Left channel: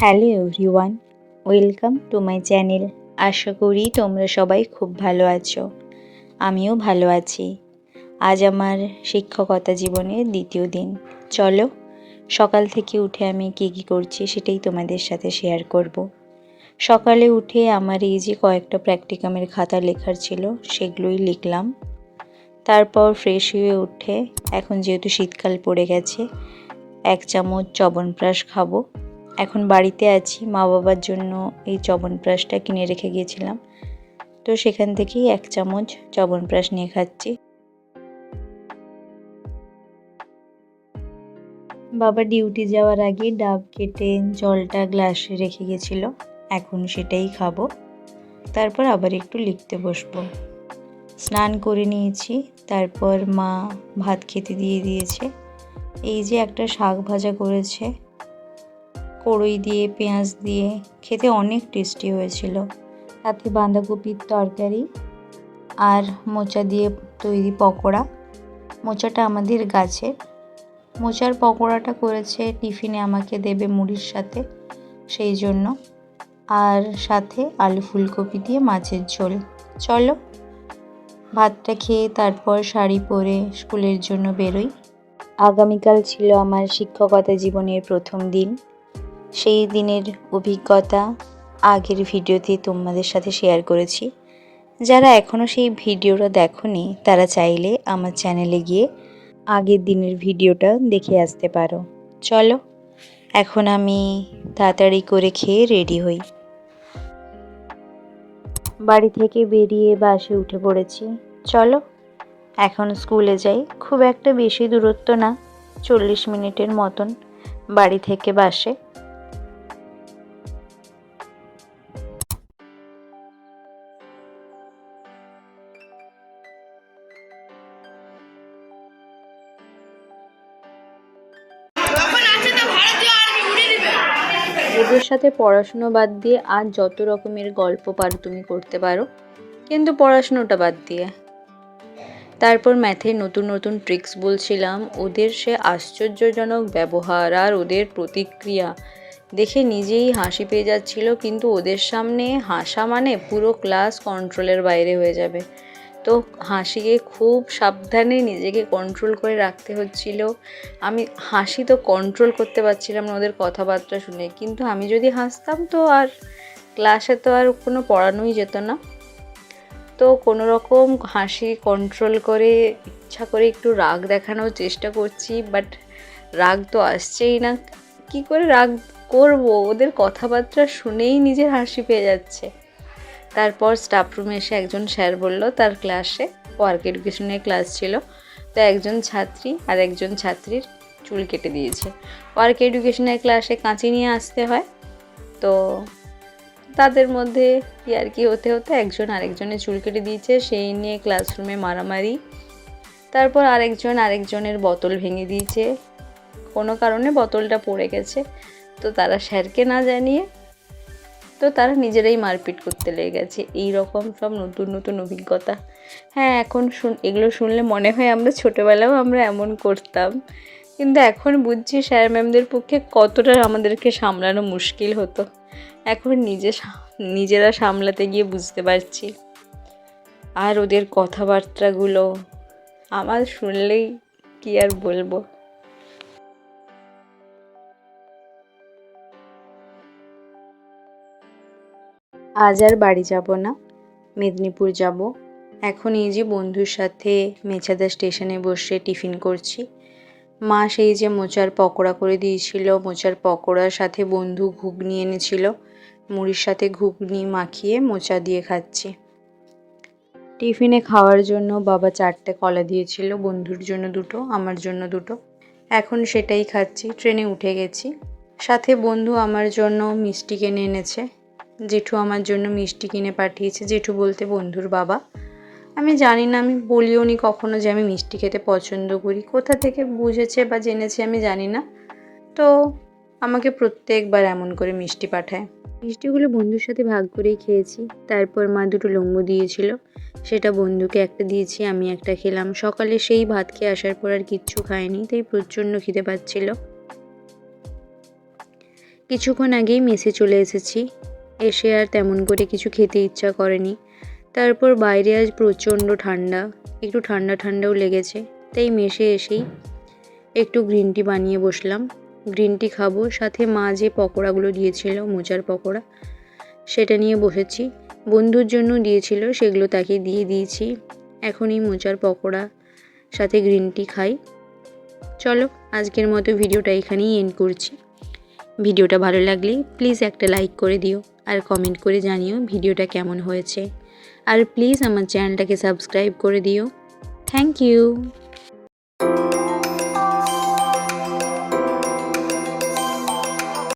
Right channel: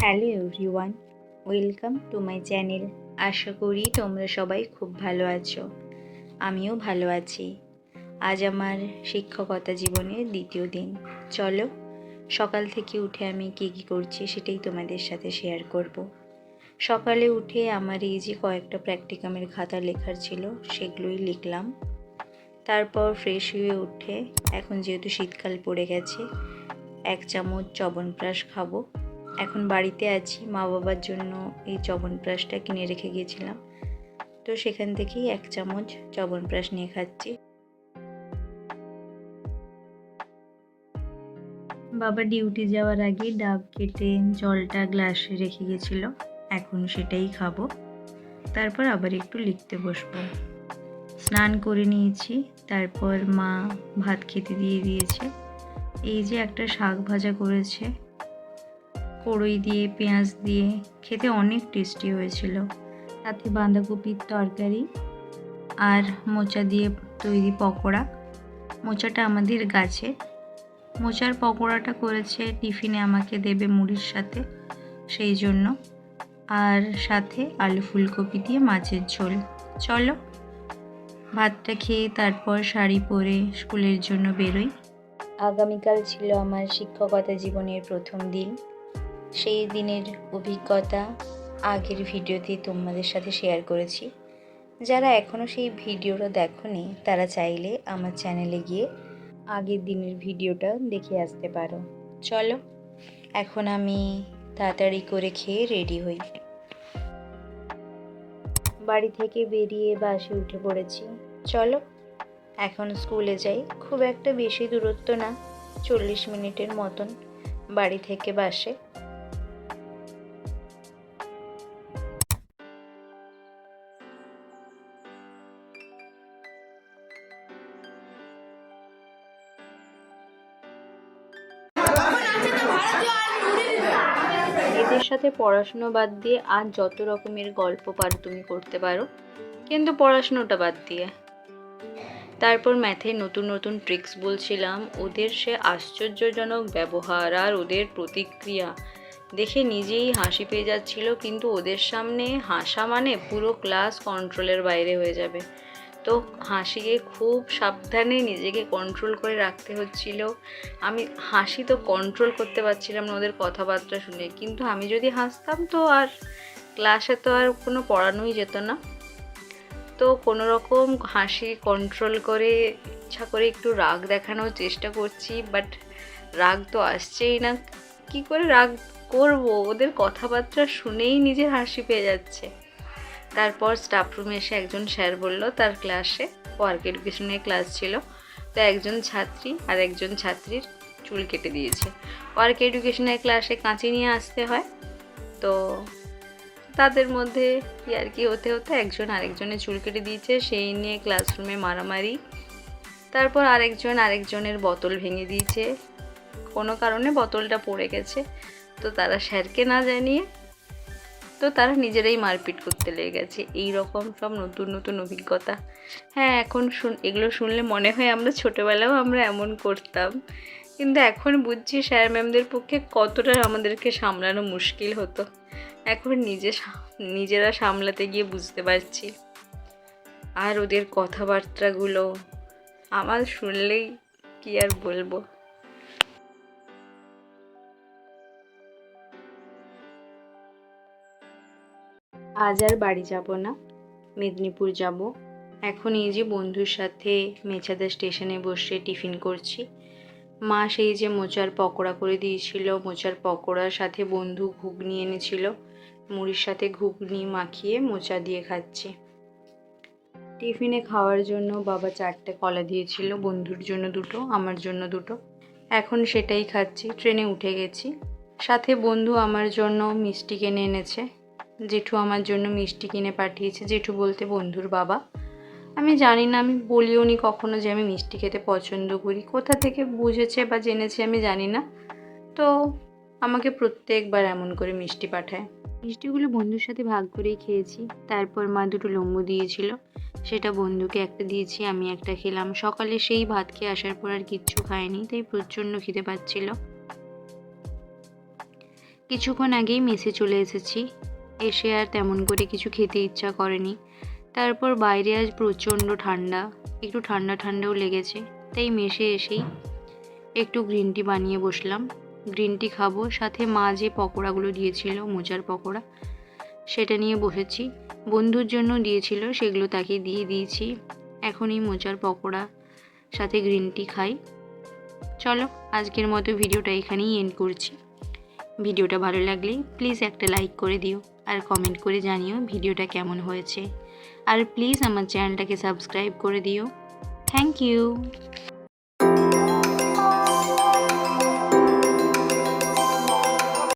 Hello everyone, welcome to my channel. আশা করি তোমরা সবাই খুব ভালো আছো। আমিও ভালো আছি। আজ আমার শিক্ষকতা জীবনের দ্বিতীয় দিন। চলো সকাল থেকে উঠে আমি কী করছি সেটাই তোমাদের সাথে শেয়ার করব। সকালে উঠে আমার এই যে কয়েকটা প্র্যাকটিকামের খাতা লেখার ছিল সেগুলোই লিখলাম। তারপর ফ্রেশ হয়ে উঠে এখন যেহেতু শীতকাল পড়ে গেছে 1 চামচ চ্যবনপ্রাশ খাবো। এখন বাড়িতে আছি, মা বাবার জন্য এই চ্যবনপ্রাশটা কিনে রেখে গিয়েছিলাম, তো সেখান থেকেই 1 চামচ চ্যবনপ্রাশ নিয়ে খাচ্ছি। বাবা ডিউটি যাওয়ার আগে ডাব কেটে জলটা গ্লাসে রেখে গেছিল, এখন সেটাই খাবো। তারপর আবার একটু লিখতে বসবো। স্নান করে নিয়েছি, তারপর মা ভাত খেতে দিয়ে দিয়েছে। এই যে একটা শাক ভাজা করেছে কড়ই দিয়ে, পেঁয়াজ দিয়ে, খেতে অনেক টেস্টি হয়েছিল। সাথে বাঁধাকপির তরকারি আর মোচা দিয়ে তৈরি পকোড়া। মোচাটা আমাদের গাছে। মোচার পকোড়াটা করেছে টিফিনে আমাকে দেবে মুড়ির সাথে, সেই জন্য। আর সাথে আলু ফুলকপি দিয়ে মাছের ঝোল। চলো ভাতটা খেয়ে তারপর শাড়ি পরে স্কুলের জন্য বেরোই। আগামীকাল ছিল আমার শিক্ষকতা জীবনের প্রথম দিন। সেই দিনের অভিজ্ঞতা আগের ভিডিওতে তোমাদের সাথে শেয়ার করেছি। যারা এখনও সেই ভিডিওটা দেখোনি তারা চাইলে আমার চ্যানেলে গিয়ে আগের দিনের ভিডিওটা দেখে আসতে পারো। চলো এখন আমি তাড়াতাড়ি করে খেয়ে রেডি হই। বাড়ি থেকে বেরিয়ে বাসে উঠে পড়েছি। চলো এখন স্কুলে যাই। খুব একটা বেশি দূরত্ব না, 40 মিনিটের মতন বাড়ি থেকে বাসে। এদের সাথে পড়াশুনো বাদ দিয়ে আর যত রকমের গল্প পারো তুমি করতে পারো, কিন্তু পড়াশুনোটা বাদ দিয়ে। তারপর ম্যাথে নতুন নতুন ট্রিক্স বলছিলাম, ওদের সে আশ্চর্যজনক ব্যবহার আর ওদের প্রতিক্রিয়া দেখে নিজেই হাসি পেয়ে যাচ্ছিল, কিন্তু ওদের সামনে হাসা মানে পুরো ক্লাস কন্ট্রোলের বাইরে হয়ে যাবে। তো হাসিকে খুব সাবধানে নিজেকে কন্ট্রোল করে রাখতে হচ্ছিল। আমি হাসি তো কন্ট্রোল করতে পারছিলাম না ওদের কথাবার্তা শুনে, কিন্তু আমি যদি হাসতাম তো আর ক্লাসে তো আর কোনো পড়ানোই যেত না। তো কোনো রকম হাসি কন্ট্রোল করে ইচ্ছা করে একটু রাগ দেখানোর চেষ্টা করছি, বাট রাগ তো আসছেই না। কি করে রাগ করব, ওদের কথাবার্তা শুনেই নিজের হাসি পেয়ে যাচ্ছে। তারপর স্টাফ রুমে এসে একজন স্যার বলল তার ক্লাসে ওয়ার্ক এডুকেশনের ক্লাস ছিল, তো একজন ছাত্রী আর একজন ছাত্রীর চুল কেটে দিয়েছে। ওয়ার্ক এডুকেশনের ক্লাসে কাঁচি নিয়ে আসতে হয়, তো তাদের মধ্যে কি হতে হতে একজন আরেকজনের চুল কেটে দিয়েছে, সেই নিয়ে ক্লাসরুমে মারামারি। তারপর আরেকজনের বোতল ভেঙে দিয়েছে, কোনো কারণে বোতলটা পড়ে গেছে, তো তারা স্যারকে না জানিয়ে তো তারা নিজেরাই মারপিট করতে লেগে গেছে। এই রকম সব নতুন নতুন অভিজ্ঞতা। হ্যাঁ, এখন এগুলো শুনলে মনে হয় আমরা ছোটোবেলাও আমরা এমন করতাম, কিন্তু এখন বুঝছি স্যার ম্যামদের পক্ষে কতটা আমাদেরকে সামলানো মুশকিল হতো। এখন নিজেরা সামলাতে গিয়ে বুঝতে পারছি। আর ওদের কথাবার্তাগুলো আমার শুনলেই কি আর বলবো। আজ আর বাড়ি যাব না, মেদিনীপুর যাব। এখন এই যে বন্ধুর সাথে মেছাদা স্টেশনে বসে টিফিন করছি। মা সেই যে মোচার পকোড়া করে দিয়েছিল, মোচার পকোড়ার সাথে বন্ধু ঘুগনি এনেছিল, মুড়ির সাথে ঘুগনি মাখিয়ে মোচা দিয়ে খাচ্ছি। টিফিনে খাওয়ার জন্য বাবা 4টে কলা দিয়েছিল, বন্ধুর জন্য 2টো, আমার জন্য 2টো। এখন সেটাই খাচ্ছি। ট্রেনে উঠে গেছি। সাথে বন্ধু আমার জন্য মিষ্টি কিনে এনেছে। জেঠু আমার জন্য মিষ্টি কিনে পাঠিয়েছে। জেঠু বলতে বন্ধুর বাবা। আমি জানি না, আমি বলিও নি কখনো যে আমি মিষ্টি খেতে পছন্দ করি। কোথা থেকে বুঝেছে বা জেনেছে আমি জানি না, তো আমাকে প্রত্যেকবার এমন করে মিষ্টি পাঠায়। মিষ্টিগুলো বন্ধুর সাথে ভাগ করেই খেয়েছি। তারপর মা 2টো লম্বু দিয়েছিল, সেটা বন্ধুকে একটা দিয়েছি, আমি একটা খেলাম। সকালে সেই ভাত খেয়ে আসার পর আর কিচ্ছু খাইনি, তাই প্রচণ্ড খিদে পাচ্ছিল। কিছুক্ষণ আগেই মেসে চলে এসেছি, এসে আর তেমন করে কিছু খেতে ইচ্ছা করেনি। তারপর বাইরে আজ প্রচণ্ড ঠান্ডা, একটু ঠান্ডা ঠান্ডাও লেগেছে, তাই মেসে এসেই একটু গ্রিন টি বানিয়ে বসলাম। গ্রিন টি খাবো, সাথে মা যে পকোড়াগুলো দিয়েছিল, মোচার পকোড়া, সেটা নিয়ে বসেছি। বন্ধুর জন্য দিয়েছিল, সেগুলো তাকে দিয়ে দিয়েছি। এখন এই মোচার পকোড়া সাথে গ্রিন টি খাই। চলো, আজকের মতো ভিডিওটা এখানেই এন্ড করছি। ভিডিওটা ভালো লাগলে প্লিজ একটা লাইক করে দিও, আর কমেন্ট করে জানিও ভিডিওটা কেমন হয়েছে। আর প্লিজ আমার চ্যানেলটাকে সাবস্ক্রাইব করে দিও। Thank you.